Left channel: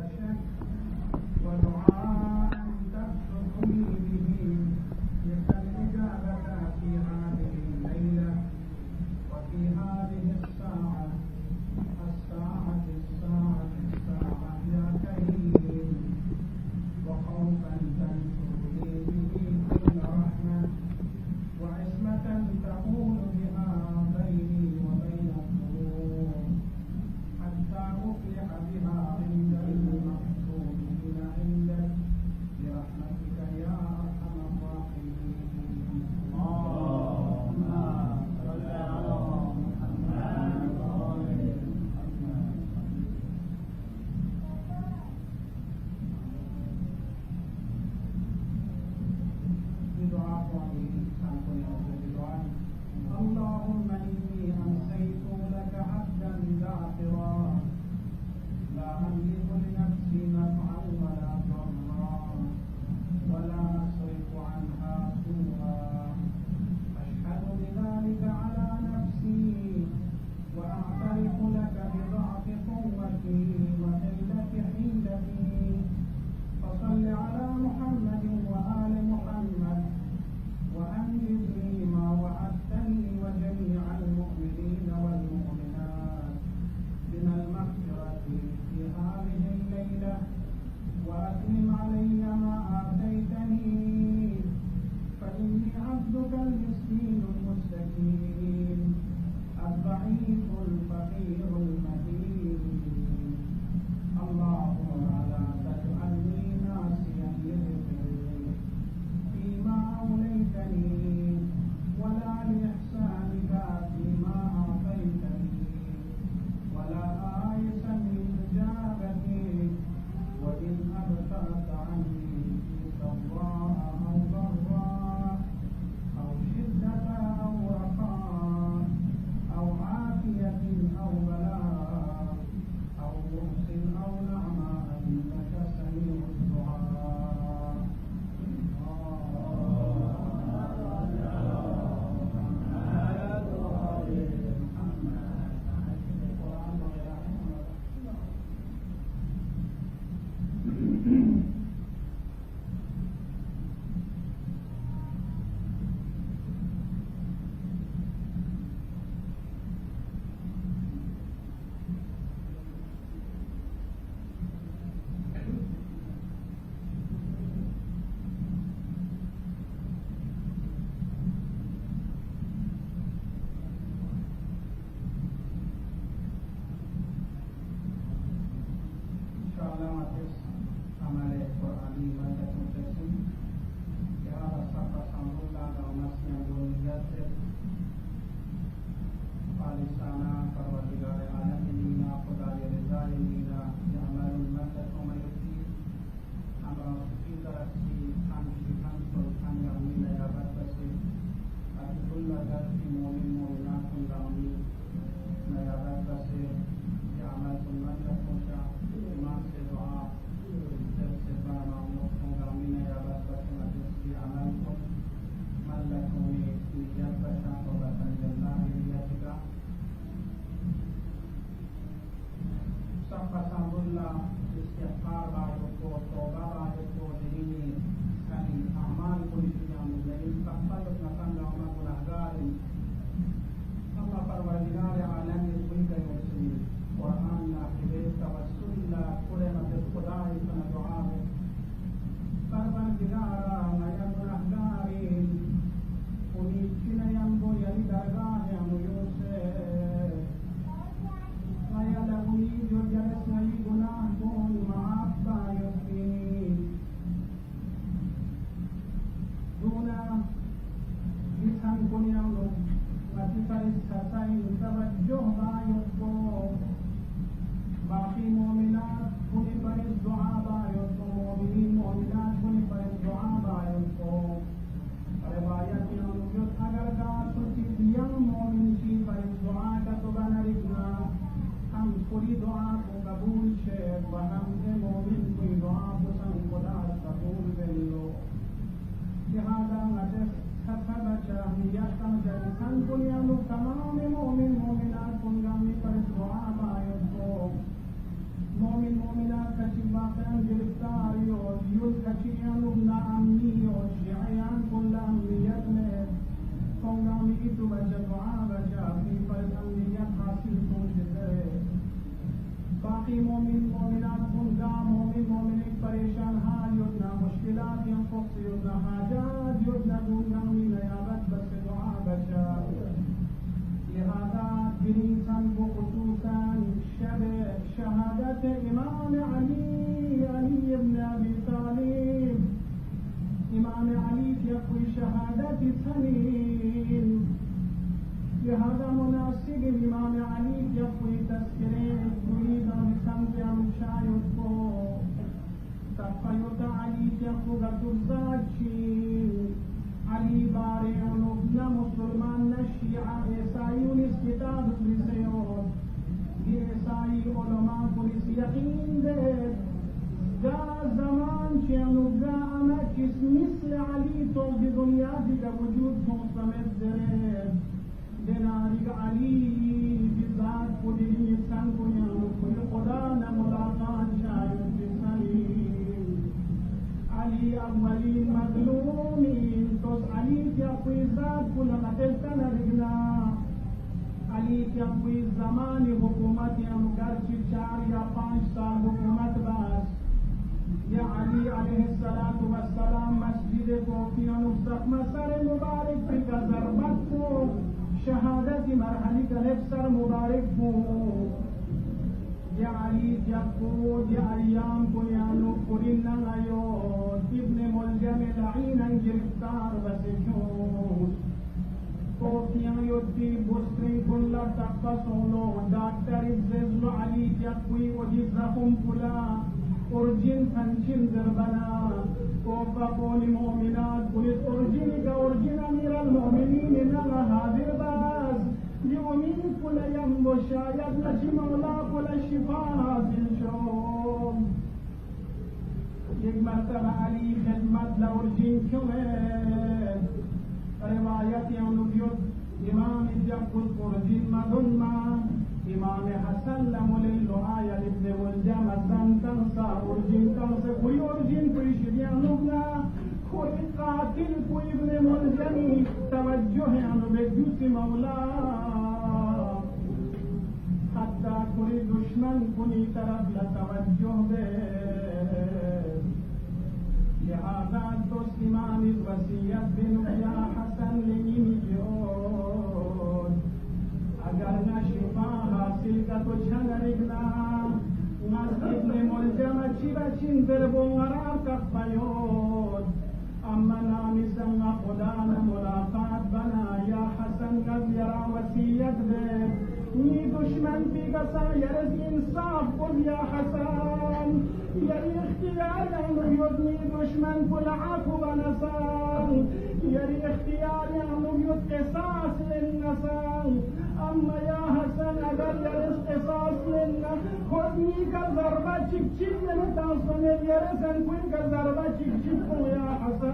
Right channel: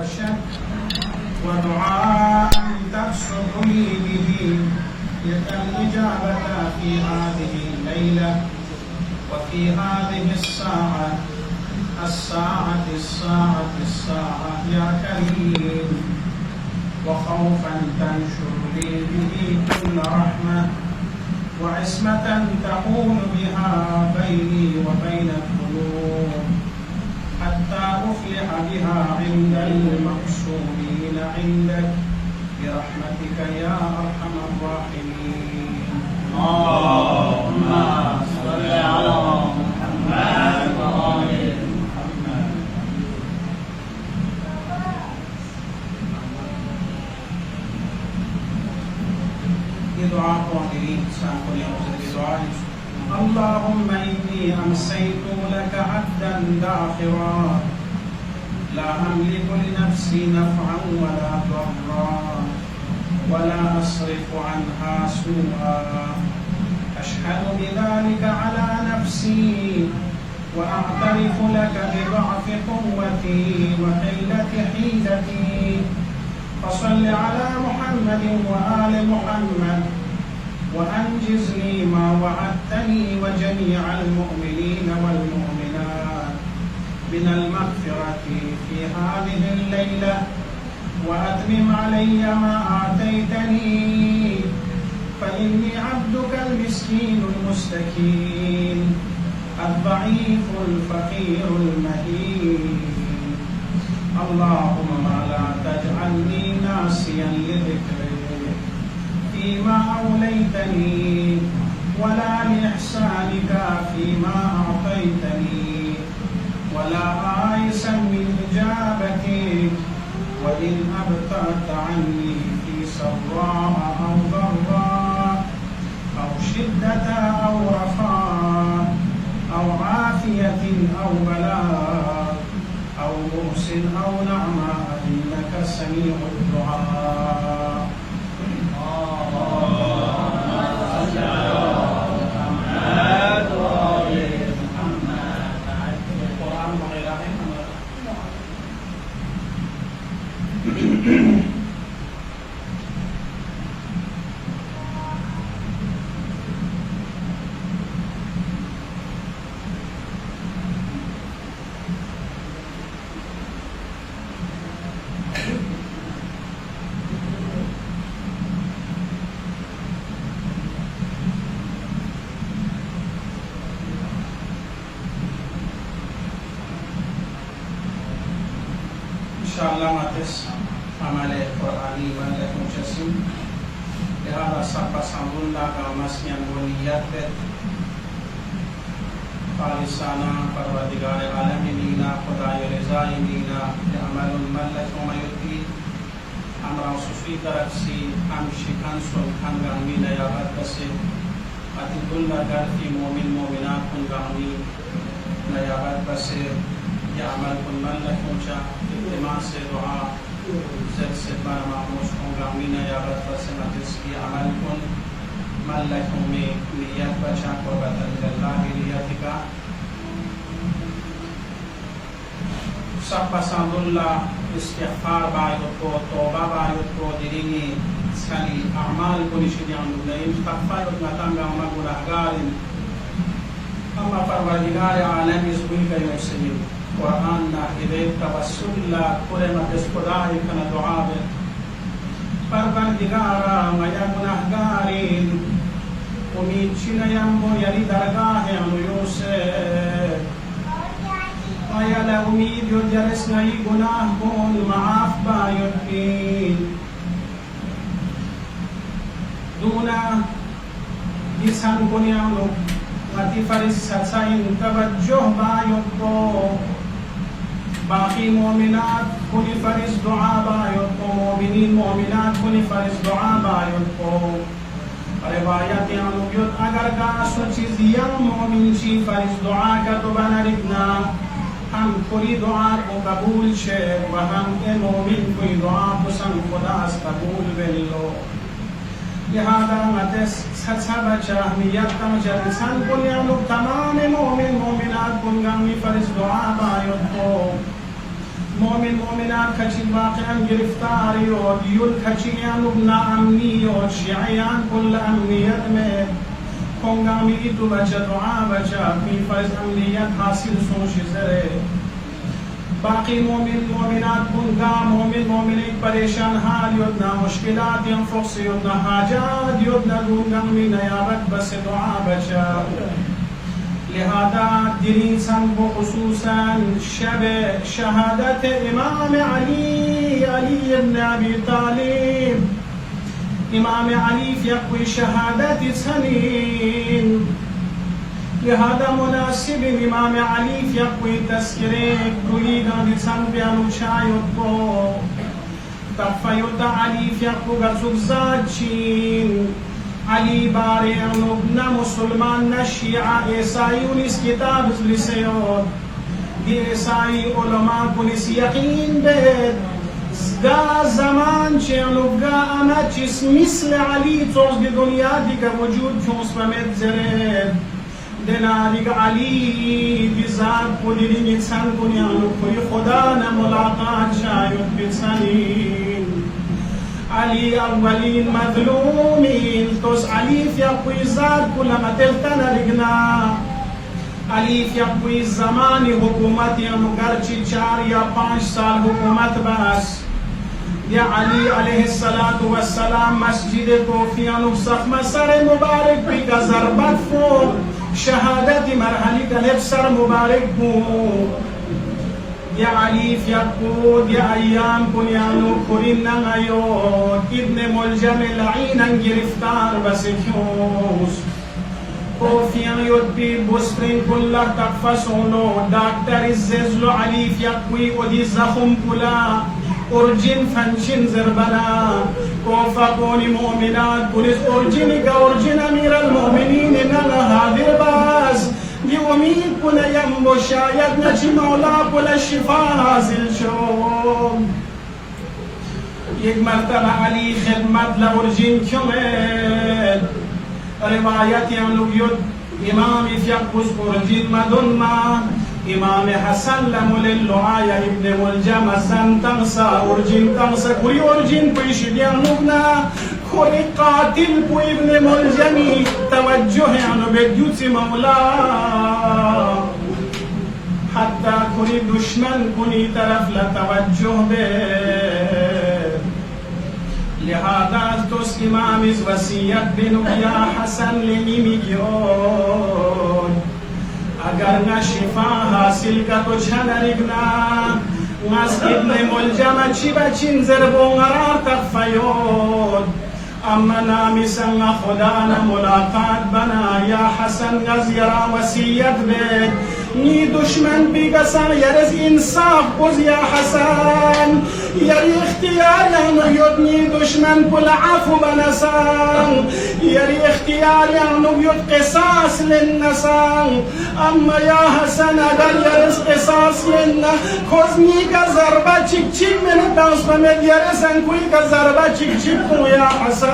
بلا شك، ودعاء تبسط لي به يد الإجابة في هذه الليلة وفي هذه الساعة يا كريم، وخوفا تنشر لي به كل رحمة، وعصمة تحول بها بيني وبين الذنوب، حتى أفلح بها عند المقصودين عندك برحمتك يا أرحم الراحمين. اللهم صل على محمد وآل محمد. دعاء قائلين سأقول يا دعاء. اللهم إني أمسيت لك عبدا داخرا، لا أملك لنفسي نفعا ولا ضرا، ولا أصرف عنها سوءا، أشهد بذلك على نفسي، وأعترف لك بضعف قوتي وقلة حيلتي، فصل على محمد وآل محمد، وأنجز لي ما وعدتني وجميع المؤمنين والمؤمنات من المغفرة في هذه الليلة، وأتمم علي ما آتيتني، فإني عبدك المسكين المستكين الضعيف الفقير المهين. اللهم لا تجعلني ناسيا لذكرك فيما أوليتني، ولا لإحسانك فيما أعطيتني، ولا آيسا من إجابتك، وإن أبطأت عني في سراء أو ضراء أو شدة أو رخاء أو عافية أو بلاء أو بؤس أو نعماء، إنك سميع الدعاء. इंशाअल्लाह मातिस amale Qur'ani wala mujasim lihada sabba sambulla ka masmian waliyat khalisana parwardigar alamin khudai rizaina amalun malak wa yuti amra sufi taraksi amshi kansul kangamina ya hadase atikulla garfi mu'min mu'minat kungami na ya hadase ya amal kun malak mucha इमाम से दुआ जब से बार मामूस होगा मीना या बद फसना जिसकी अमल कुन मल्लकों में नियत बचा को बदल अल्लाह की नियत का सब पसंदुल्लाह इस्तिग़फ़ार बायत को तौबा बायत को दिरिंगी सली अमाल को निशियान नहीं तक़फ़ार उतना अमल गुनाहगारिन अम्मा परवरदिगार आलम इस बुई का मुस्लिम Quran na hidayat tawassul la kulema deskodai kana doa be parvardigara maya gunahgarin umichina yambo yali dargah anu yose maya la umid yojares nai gunah kon maaf ba yotin duna isan konyano mati faris satsain tawajjuh ba yotko باقي مؤمنات كل فرز دعاء بايتكو مؤمنين مؤمنات كل فرز دعاء بايتكو روایت انویت اگر کا چیز یم مؤمن چی فرز دعا کا تو بنا رکھنا ہم کوئی دعا کو قبول شے و ہم اے مؤمن کوئی دعا کو سن خدا اس قبول بلو لہذا مدس سچا بچا ہمیت تم جلسان کو تمام مؤمن مؤمنات کو گامی فرز دعا بايتكو मोमिन मोमिनात खची वाक़िअन गिरफ्तारी और युल खचियान उबना अमनी और शियान कुल अमनियत में कोंगामी तो बचा दुआ बचा अपनी फर्ज अमनियत हासिल सोच जरे बाकी मोमिन मोमिनात बुंगा मोमिन मोमिन परेशान हाल योजना मुश्किलात यंफुस योजना हाजात योजना गुंगामी नयाबत बस दुआ बचा लिहाजा दिनी सन वो खुसूसन शब शहादत इमाम अली इब्न अबी तालिब इमाम अली यक़वी शहादत सनीन लिहाजा मुनासिब इमाम अली यक़वी तस्किरे कुली गांधी सन प्यानु चायुत को तफ़युत अली यक़वी गज़ुज़ाचीन अली बारे अनुबना मुसलमान न शिया ईसाई उनिस किताब लिसेयों ये ईसाई उलमा कुनिस यकीन बेद गा ज़मान चे अनुबगा अना चिस मिस्ल अली चोस दी दुनिया दिका वजूद चोस पमेत जरे देना दिका अली बिज़ात पुलिरी निसान कुनिया अनुब कोई खुदा न मुलाकात शायुत बिसानी अली अव्वलीन मज़लूमीन तोस अली यक़वी ज़ात कुल मतलतना लिगना अली यक़वी ज़मानी हुकूमत या मुगरची 4 या 5 साल हुकूमत बस या अली अलैहिस्सलातु वस्सलाम मस्जिद कोफियानु सख्मा सर मुबारक पी का ज़रबत फो शहादत मरहली का लेब सर मुबारक फो या अली यक़ूद या अय्याम कुनियानु कुरिन नंगायोत इब्न मुलजम लईनन गिरफ्तार बसिक्योस कोफियां योद्बी बुस्प्रिंग कुल्ला तकफसोनो डॉक्टर इज़्ज़लो अली यक़वी ओदी ज़ख़म कुला उर्जिन फंशिन ज़रबना कोफा कोनी मोमिनात पुलिस उर्जिन का उर्जिन अमीर अल-मोमिनीन नंगा हादिर बास ये उम्मीद पुने यम्बो शायद नची मौला पुला शिफा हासिल शो एक मर्तबा अली खिदमत लउर्जिन क्यों है रिवायत यानुयुद इमाम यक़ूस उर्जिन मदुन्मा इमाम हसन लमुलिल्लुआया इब्न मुलजम सन तंसा उर्जिन तंसा कुरी उर्जिन पैशिदिया नुबना कोई कातिल को इब्न मुलजमी तवज्जो है अनुबेद्युत मौला हत्ता कोई दुश्मन कुनी तरफ ला तवज्जो बे लिहाजा तो इमाम इस वसीयत बिनु या हसन लेनी क्यों अगर न शिफा हासिल का तो छनरिगना नस इब्न मुलजम अच्छी बचिन ज़रबोंगरा तकफ़योद अम्मा नामी संगा खुदा न मुलाकात बना या हसन गज़िरा वसीयत बेद नी दुश्मन भी गसन यरस इंसाफ बुज़ या हसन यरी इख्तियार यानो युद्नी दुश्मन पुल आफु बनसान यरी इख्तियार यानो युद् क़िसास लिन्नसान अम्मा या हसन अगर यरस क़िसास लिन्ना खुज़नी का ज़रबा चिक चिक में न ताउस पमेद यरसन कोई का ज़रबा चिक चिक को या हसन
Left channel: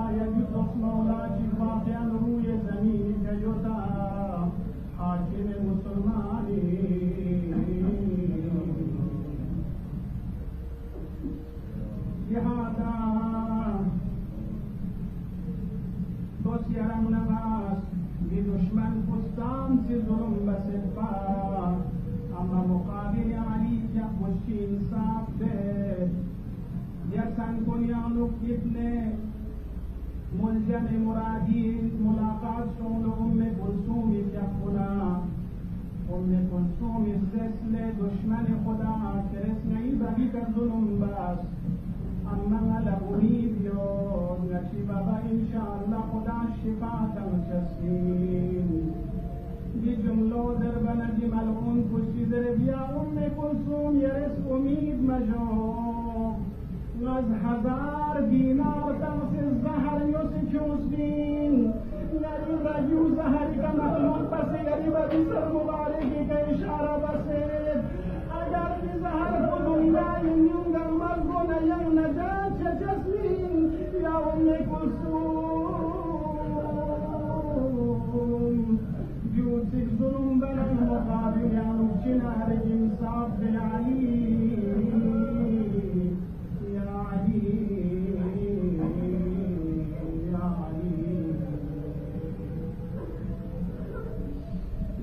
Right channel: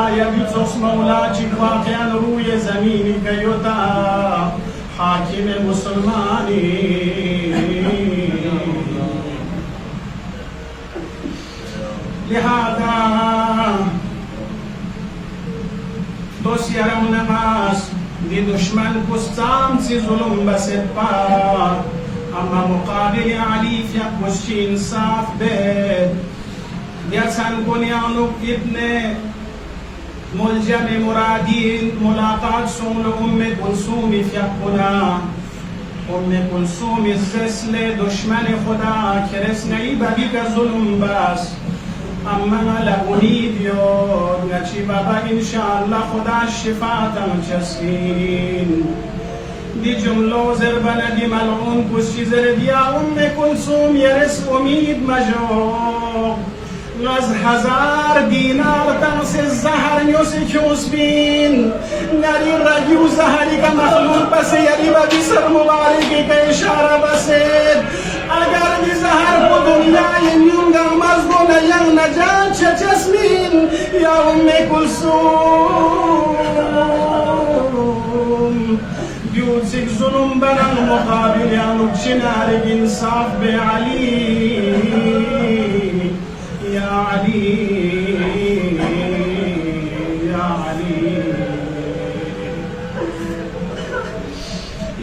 आया बिचोस मौला चिक वाक़िअन रूए ज़मीनी कयोता हाकिम मुसलमानी लिहाजा दोस्त यारम नमाज दी दुश्मन को साम से जुल्म बसत पार अम्मा मुकाबिल अली यक़वी इंसाफ दे यसन कुनियानु इब्ने मुलजम मुरादीन मुलाकात सोल उम्मे कुलसूम यक़ुना उम्मे कुलसूम इज़्ज़ले दुश्मन खुदा खिरस नहीं बगी का जुल्म बस अम्मा लगुनीद यो नची बाबा इंशाअल्लाह खुदा शिफा तम चस्कीन दी जुमलो ज़रबन दी मलऊन कुछ चीज़र दिया उम्मे कुलसूम यरस उम्मीद मजो नज़ 1000 दीनार तम से ज़हर न्योसे क्योंस बीन नरी रगियो ज़हरी का मखलूक बसे यरी बगी सर मुबारक के इशारा बसे अगर भी ज़हर को दुनिया ये न्यूंगा मज़गो न यंग न जान चचस्मीन या उम्मे कुलसूम यूसिक जुलुम برن مقابل انو چنار انصاف به علی یا علی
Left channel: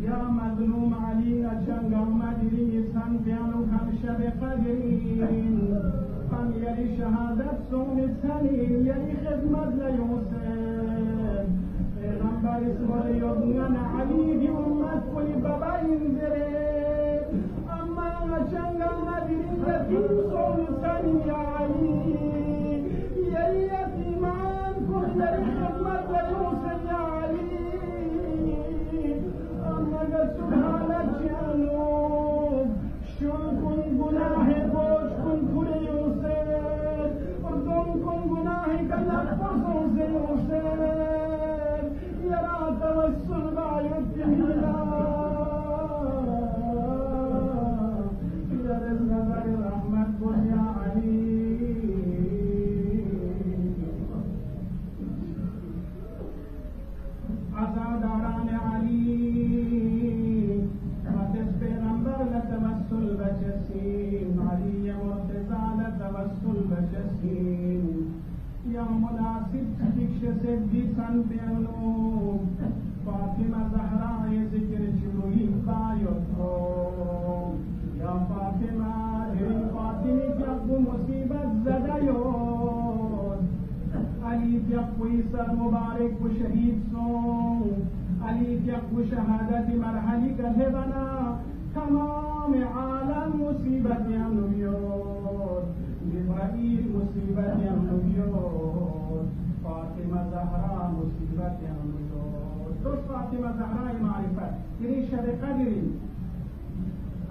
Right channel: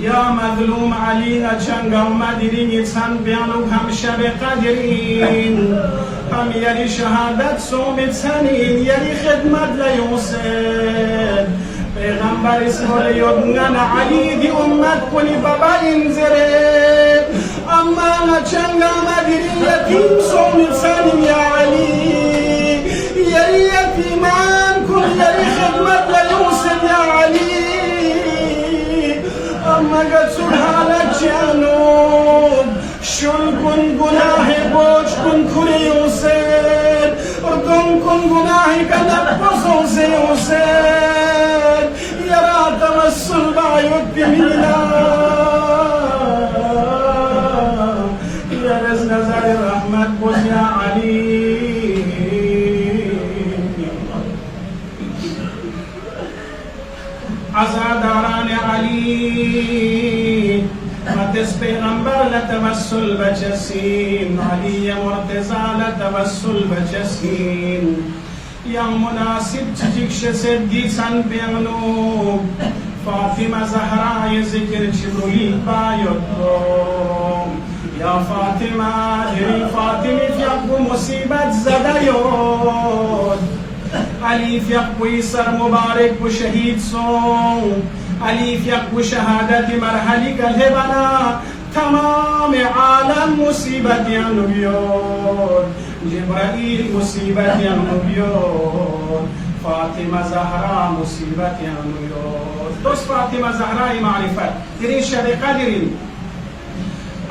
یا مظلوم علی نچنگا مدرین سن بیانو هم شب قدرین هم یری شهادت سومت سنین یری خدمت لیوسد پیغمبر اسمول یدنن علی دی امت کنی بابا انزره اما نچنگا مدرین یتیم سومت سنین یا علی یری یتیمان کن یری خدمت لیوسد یا علی مگر سبحانك جانوب شل کن گناه بوج کن کری یوسد اردن کن گناهی کنب بزوز یوسد یرا توسل باید بمینا یرز نظر رحمت بوز یا علی عزاداران علی مدس پیغمبر لتوسل بچسین علی مرتضی لتوسل بچسین یا مناسب چجکش سدی سن پیغنو فاطمه زهرای ذکر چبرولی باید یا فاطمه دری فاطمه فیقو مصیبت زده یود علی فیقوی سر مبارک و شهید سون علی فیقو شهادت مرحلی گله بنا تمام عالم مصیبت یانو بیاد جبرائیل مصیبت یانو بیاد فاطمه زهرا مصیبت یانو بیاد دوست فاطمه زهرای معرفت درین شب قدرین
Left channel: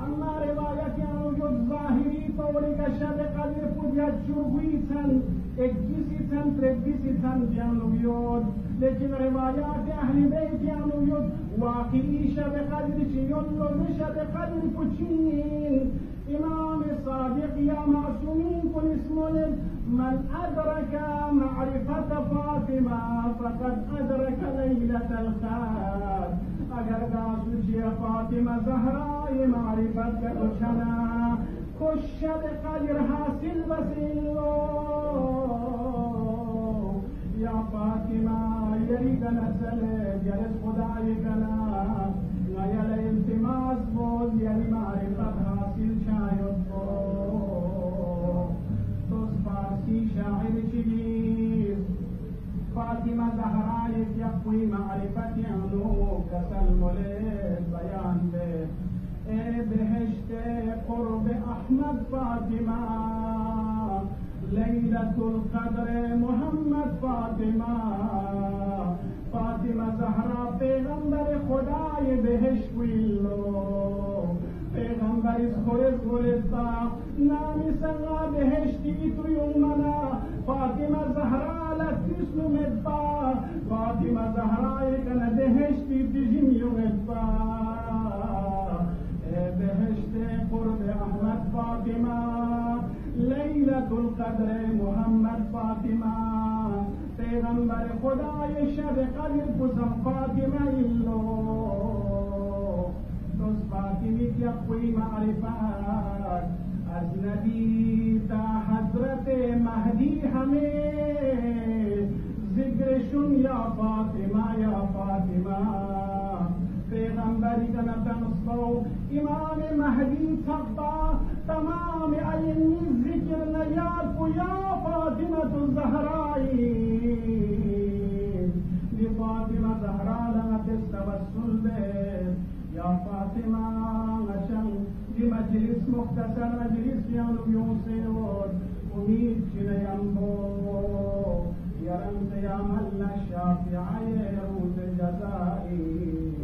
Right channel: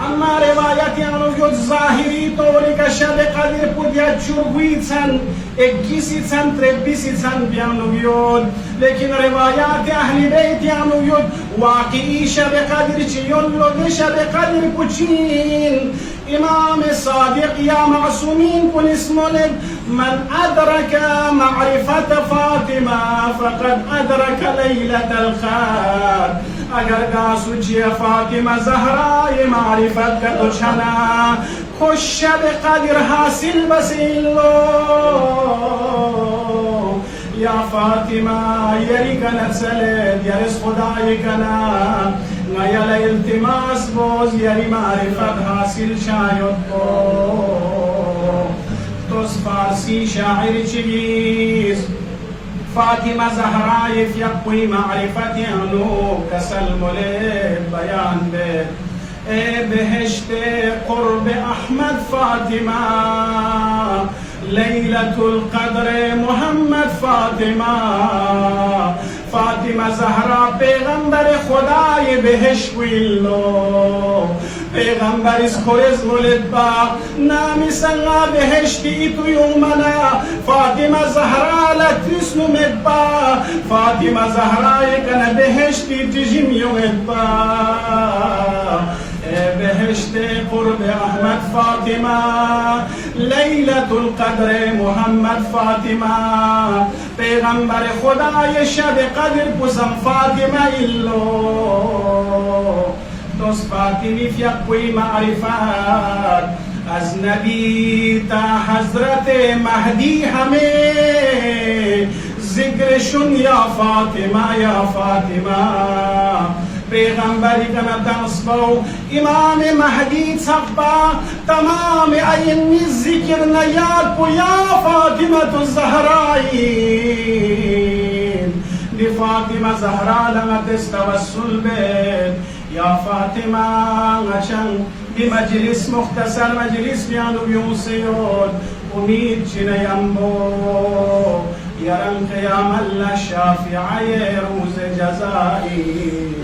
اما روایت یانو بیاد ظاهری طوری که شب قدر پودیا چرگوی چند اگیسی چند تربیسی چند بیانو بیاد لیکن روایات اهل بیت یانو بیاد واقعی شب قدر چیون لوگ شب قدر پوچین امام صادق یا معصومین کن اسمولد من ادرک معرفت فاطمه فقد ادرک لیلت القدر اگر گاسو چی فاطمه زهرای معرفت کا تو چھنا خوش شب قدر حاصل بسیلو یا فاطمه یری کنت سلد یرس خدای کنا نیل التماس بوز یری معرفت حاصل شاید کو توس فارسی شاعر چیز فاطمه زهرای فیقوی معرفت انو کسل مولد بیان به بهشت قرب احمد فاطمه لیلت القدر محمد فاطمه فاطمه زهرا پیغمبر خدای بهشت ویلو پیغمبر از خورز ولد با نامی سنگا بهشتی تو یومنا فاطمه زهرا لترس نمید با فاطمه زهرا یکن بهشتی تجیم یومید با بهشت قرب احمد فاطمه لیلت القدر محمد فاطمه پیغمبر خدای شب قدر بزم فاطمه ایلو دوست فاطمی فیقوی معرفت از نبی تا حضرت مهدی همه ذکرشون یا فاطمه یا فاطمه پیغمبری کنا تنصبو امام مهدی صفبا تمام این ذکر نیاد کو یا فاطمه الزهرائی دی فاطمه زهرا لما تستوسل بید یا فاطمه غشن بمجلس مختصر مجلس بیانو بیوسیود امید چنیم بو یرم قیام الله شافعی روز جزائی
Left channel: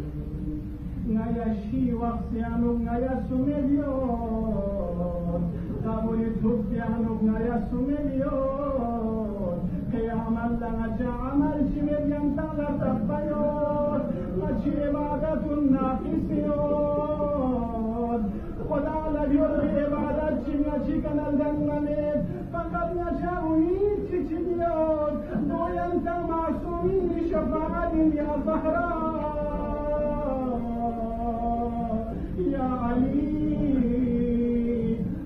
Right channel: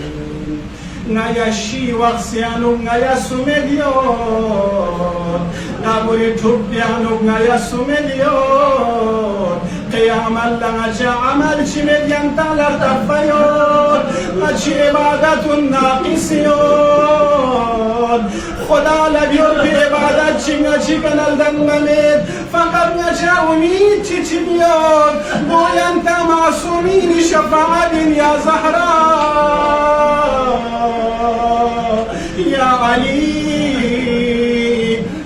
نیا شی وقسیانو نیا سوملیون نبوری توبیانو نیا سوملیون قیام الله چه عمل چی میدین تالر تفیون چی عبادت ناقصیون خدا لبیون بی عبادت چی کنال دنگمید فقط نچه امید چی بیاد گوین تا معصومین شفاعت یا زهرا يا علي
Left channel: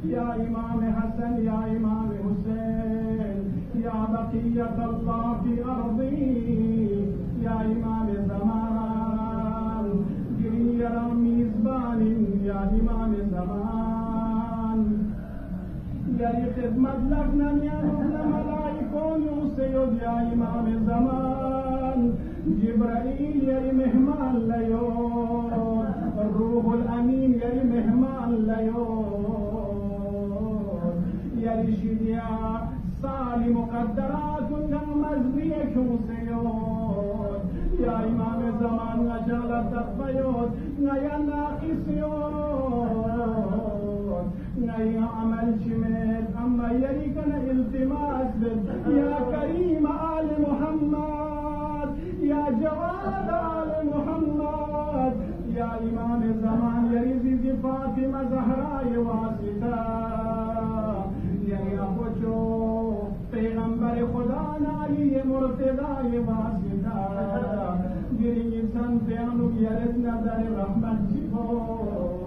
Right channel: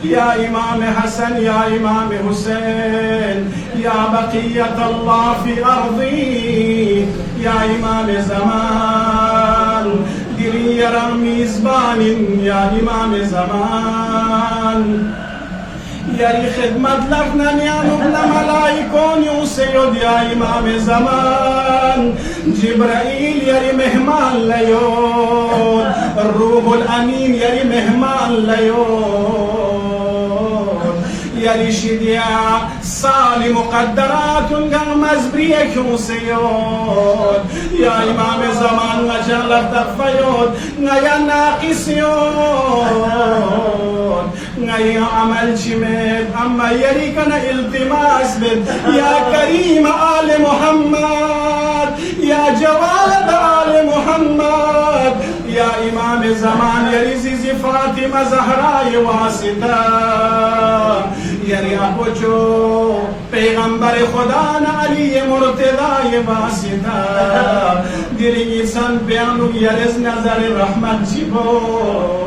يا إمام حسن يا إمام حسين يا بقية الله في أرضي يا إمام زمان ديري يا ميزبان يا إمام زمان يا خدمة لغنا نيانوبنا ملايكون يوسيود يا إمام زمان جبرائيل يا مهمان ليون الروح الأمين يا مهمان ليون يا شديا صالي مقدرات قامز بريك يوسيود يا إمام زمان نجال تغفيود نيا ناقصيود نيا عمل شميد أما يريكنا التماس بد يا كريم آل محمد يا جواد آل محمد يا إمام زمان يا رزيزي فاطمة زهراء واسطة يا أبو جو پیغمبر خدا علی مرتضی واسطه دیری انسان بیانو یارز نظر رحمت جیبوز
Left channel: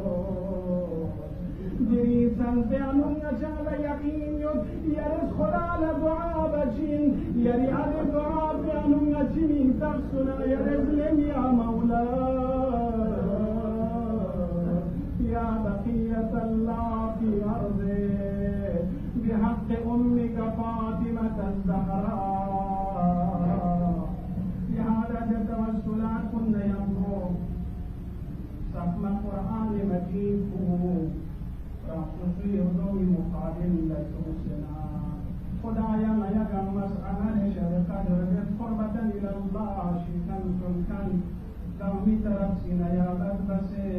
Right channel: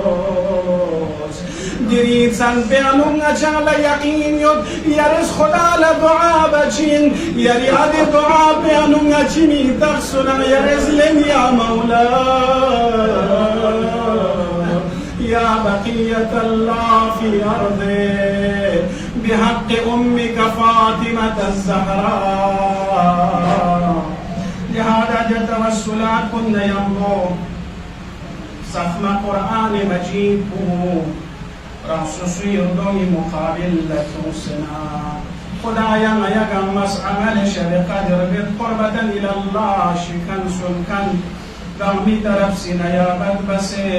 دیری انسان بیانو نجال یقین یود یارز خدا لدعا بچین یاری عد دعا بیانو نجینی تخصنا یارز لن یا مولا يا بقية الله في أرضه بحق أمك فاطمة الزهراء لهذا جد توسلات كنا يمضو صفم قرآن مجيد رخصوصي يردوي مقابل لتوسنا خدايا يا مسعى لشر قدر قربة إلى الله شكن سلكن قومي ترفسنا يا بدبسي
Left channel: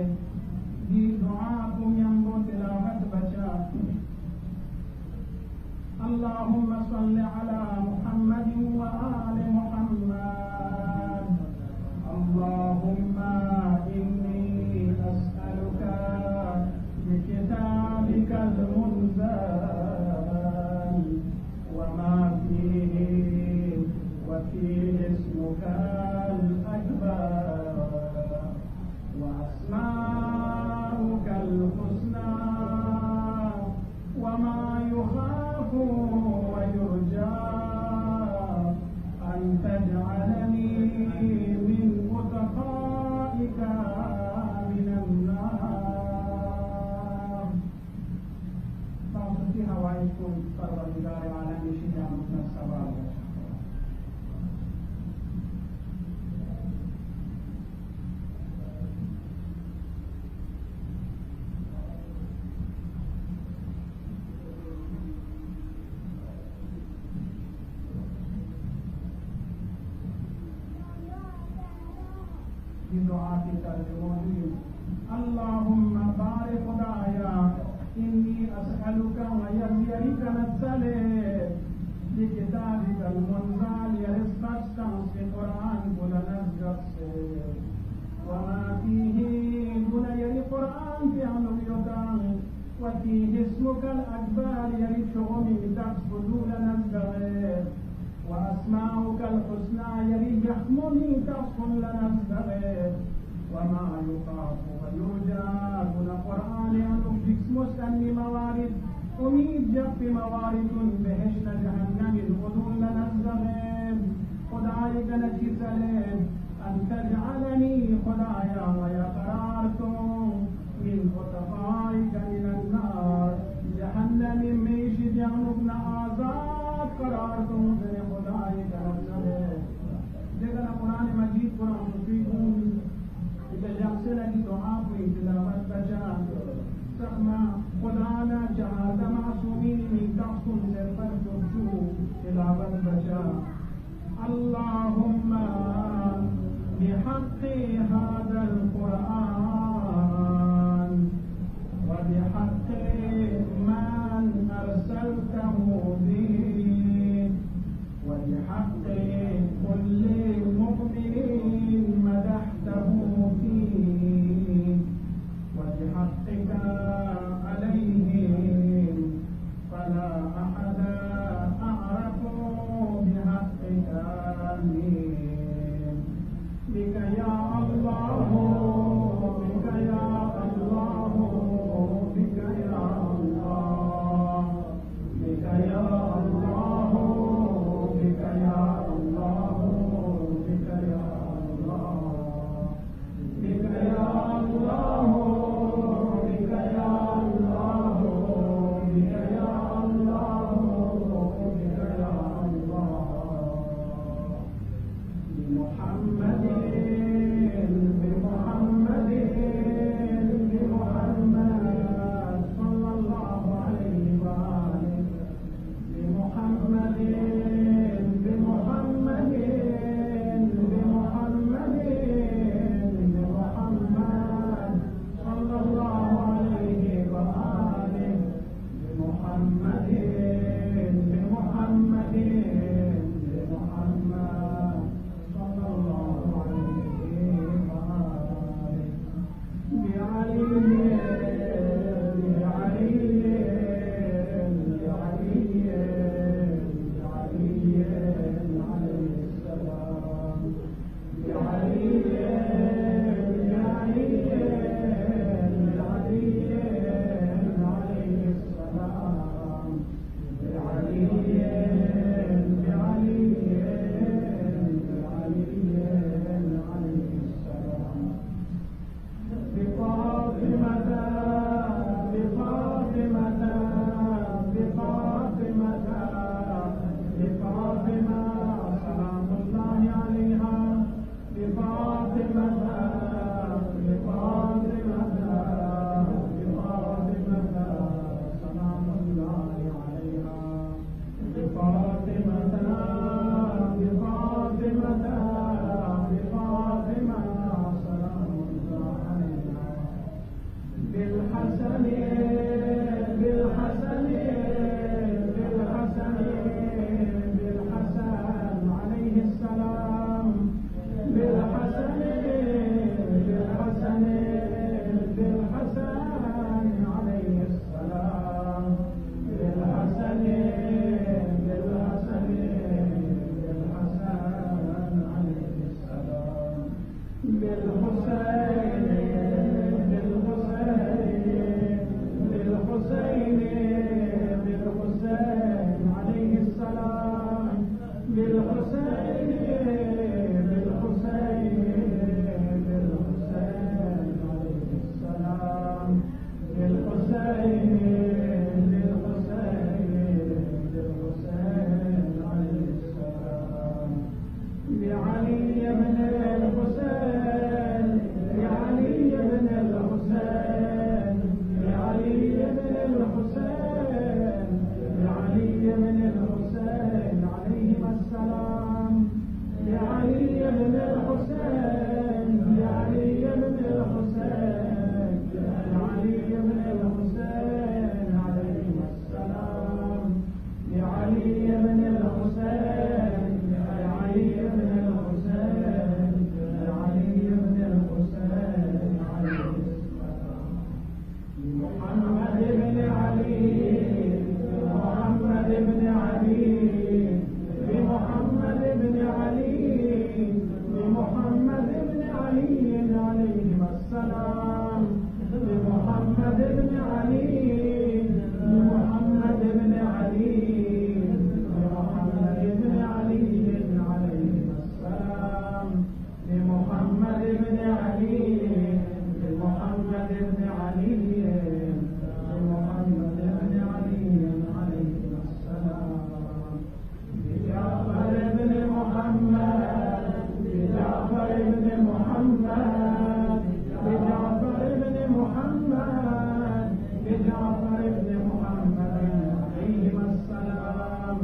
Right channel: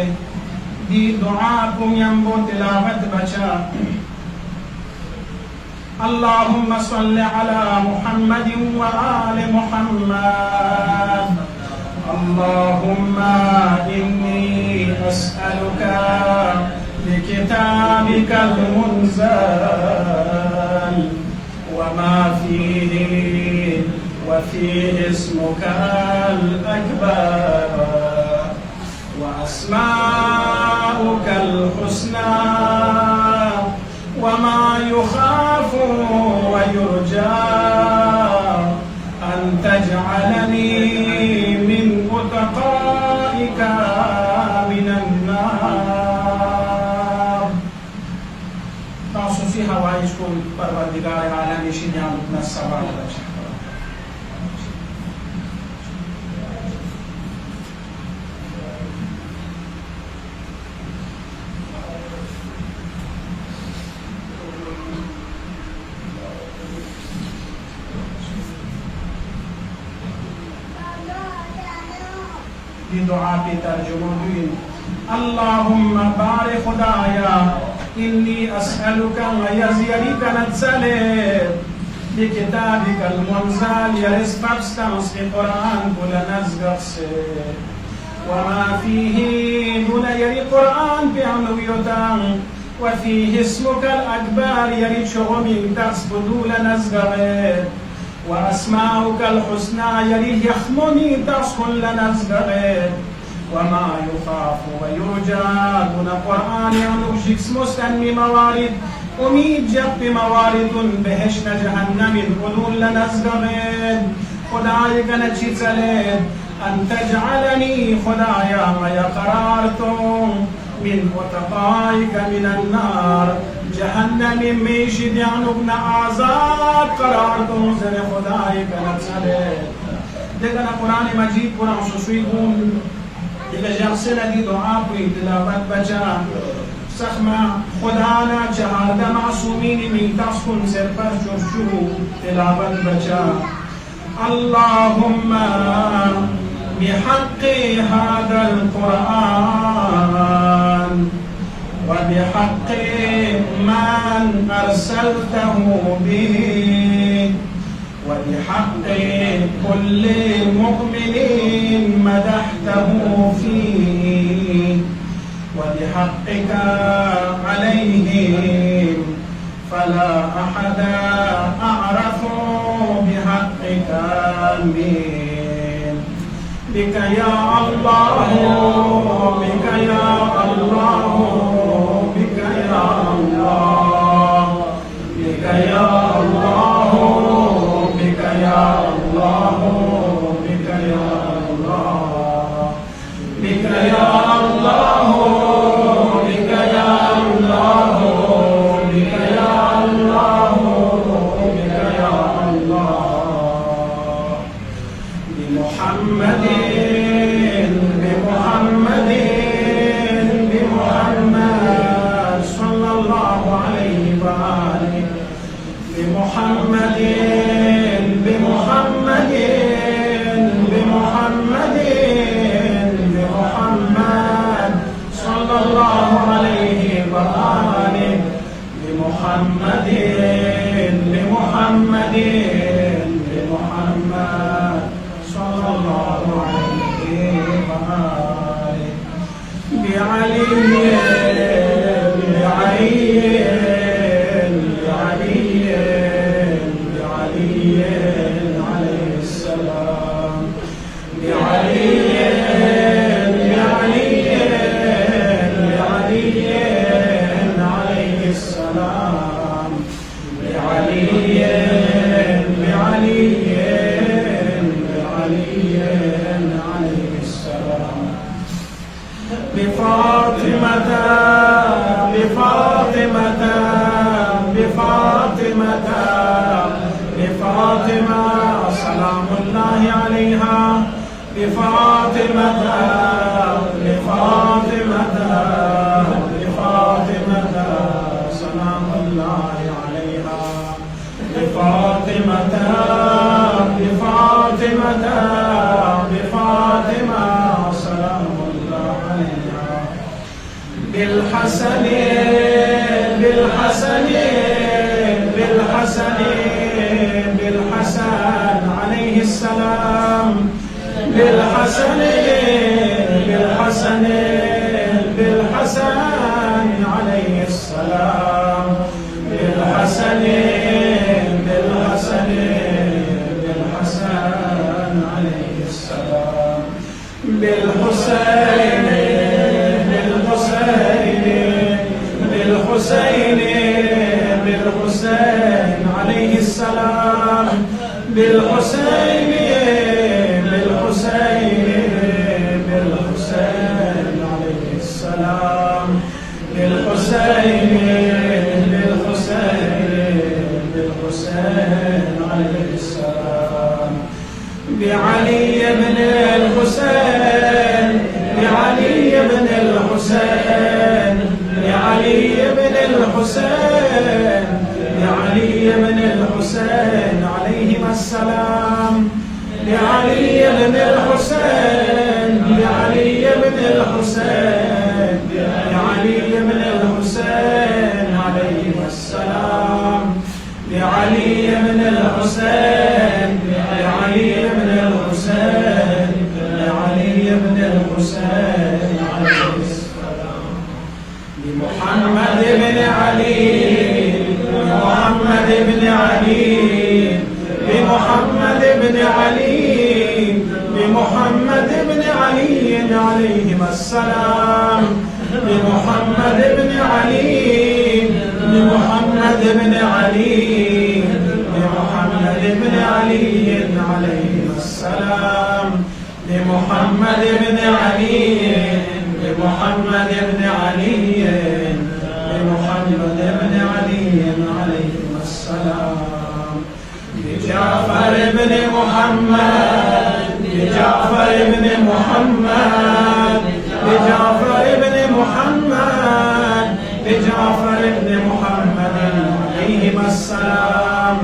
دي دعاكم ينبو تلاوة بشا اللهم صل على محمد وآل محمد اللهم إني أسألك بكتابك المنزل وما فيه وفيه اسمك الأكبر وأسماؤك الحسنى وما يخاف ويرجى أن تجعلني من أتقائك من النار. تعصوا فيها وعيشكم پروردگار عالم شنيان من السماء والأرض. دعاء ترجمة اللهم بارك خدايا إني أسألك ويزيرك نتسلم بكتابك المنزل يرزق استمس القرآن كل نزق وما فيه دون يري قرآن بعنويتان وفيه اسمك الأكبر يري شغم تسبدو لنزق وأسماؤك الحسنى يريه يخمني تسكن لنا الزغير وما يخاف ويرجى دون قرآن ينوشك مستنمي موارد أميد جب موارد بهشت جهنم الغلول لنا الزغير خدايك نجسلين أن تجعلني خدايا ما يقرارتم من أتقائك من النار جهنم ميشد يعني ابن آزاد قرار تنزل خدايك نتسلي دیگر قرآن مجید قرآن خصوصی بون دیگر جرسنا دی دعا بوی تلاوت بچا سخما خدانا چهارده معصومین میتاس کن سر پر جوشو تلاوت بچا اللهم بحق هذا القرآن وبحق من أرسلته به وبحق كل مؤمن مدحته فيه وبحقك عليهم فلا أحد أعرف بحقك من بك يا الله بك يا الله محمد لمحمد لمحمد صلى الله عليه وآله بعلي بالحسن بالحسن بالحسن بالحسن عليه السلام بالحسن بالحسن بالحسن عليه السلام بالحسن بالحسن بالحسن عليه السلام بالحسين بالحسين بالحسين عليه السلام بالحسين بالحسين بالحسين عليه السلام بالحسين بالحسين بالحسين عليه السلام بعلي بن الحسين بعلي بن الحسين بعلي بن الحسين بعلي بن الحسين عليهما السلام بعلي بن الحسين بعلي بن الحسين بعلي بن الحسين عليهما السلام بعلي بن الحسين بعلي بن الحسين بعلي بن الحسين عليه السلام بمحمد بن علي بمحمد بن علي بمحمد بن علي بمحمد بن علي عليهما السلام بمحمد بن علي بمحمد بن علي بمحمد بن علي عليهما السلام بمحمد بن علي بمحمد بن علي بمحمد بن علي عليهما السلام بجعفر بن محمد بجعفر بن محمد بجعفر بن محمد بجعفر بن محمد عليهما السلام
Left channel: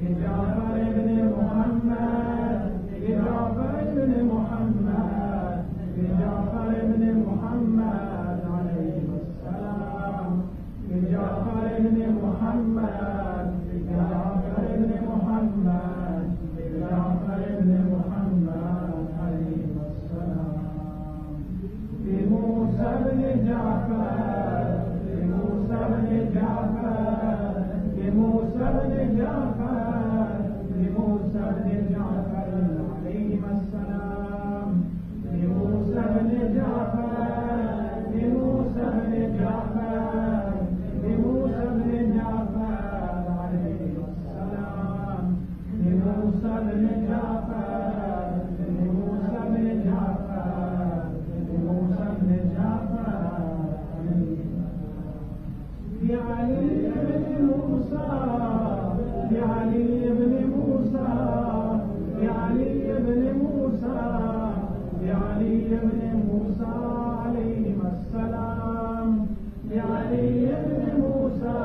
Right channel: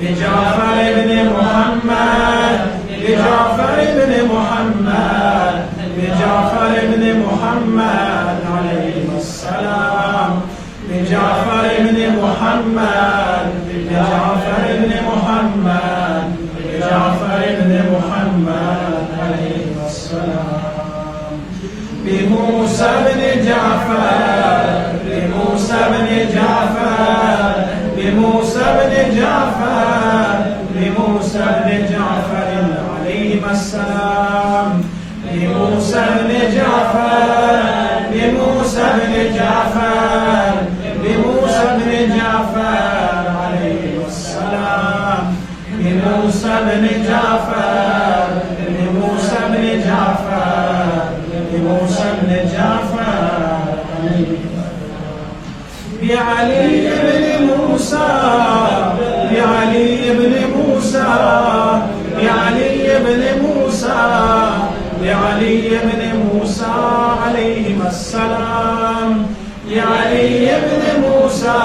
بجعفر بن محمد بجعفر بن محمد بجعفر بن محمد عليهما السلام بجعفر بن محمد بجعفر بن محمد بجعفر بن محمد عليهما السلام بموسى بن جعفر بموسى بن جعفر بموسى بن جعفر بموسى بن جعفر عليهما السلام بموسى بن جعفر بموسى بن جعفر بموسى بن جعفر عليه السلام بموسى بن جعفر بموسى بن جعفر بموسى بن جعفر بعلي بن موسى بعلي بن موسى بعلي بن موسى بعلي بن موسى عليهما السلام بعلي بن موسى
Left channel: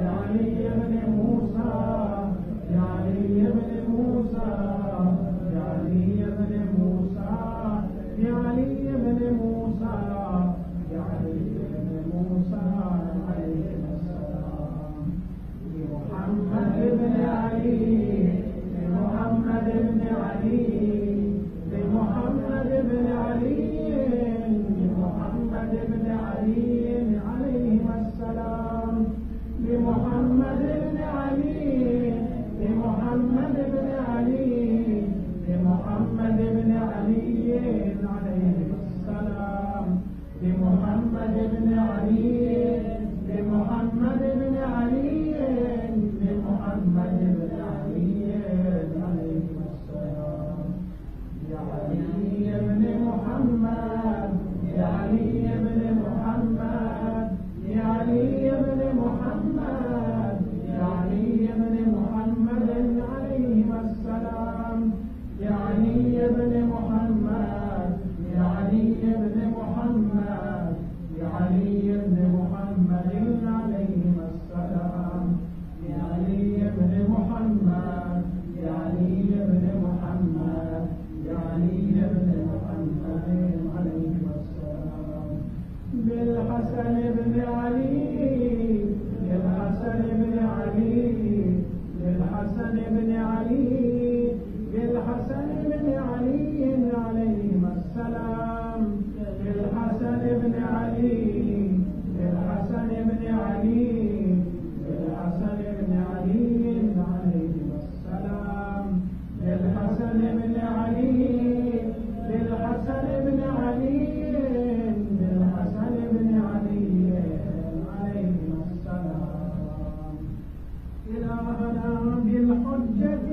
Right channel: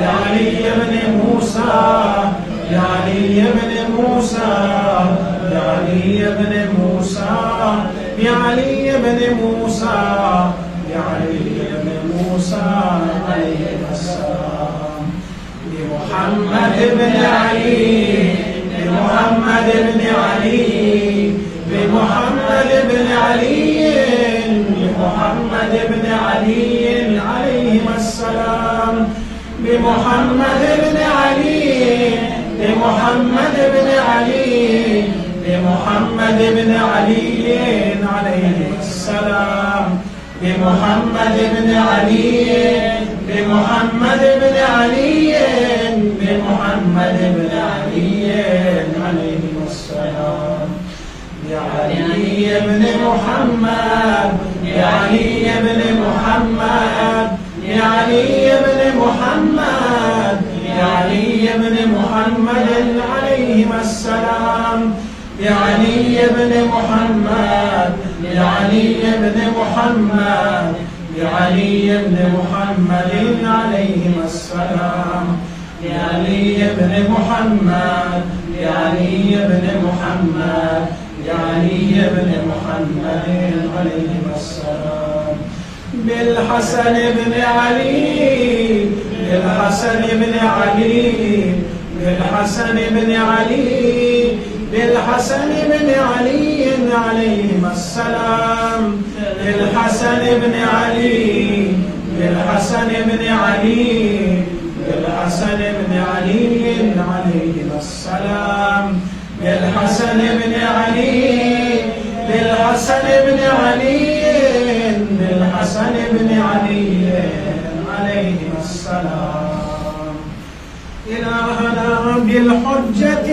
بعلي بن موسى بعلي بن موسى بعلي بن موسى بعلي بن موسى بعلي بن موسى عليه السلام بن علي بمحمد بن علي بمحمد بن علي بمحمد بن علي عليهما السلام بمحمد بن علي بمحمد بن علي بمحمد بن علي عليه السلام بمحمد بن علي بمحمد بن علي بمحمد بن علي عليه السلام بعلي بن محمد بعلي بن محمد بعلي بن محمد بعلي بن محمد عليهما السلام بعلي بن محمد بعلي بن محمد بعلي بن محمد عليهما السلام بعلي بن محمد بعلي بن محمد بعلي بن محمد عليهما السلام بالحسن بن علي بالحسن بن علي بالحسن بن علي بالحسن بن علي عليهما السلام بالحسن بن علي بالحسن بن علي بالحسن بن علي عليهما السلام بالحسن بن علي بالحسن بن علي بالحسن بن علي عليهما السلام إلهنا بالحجة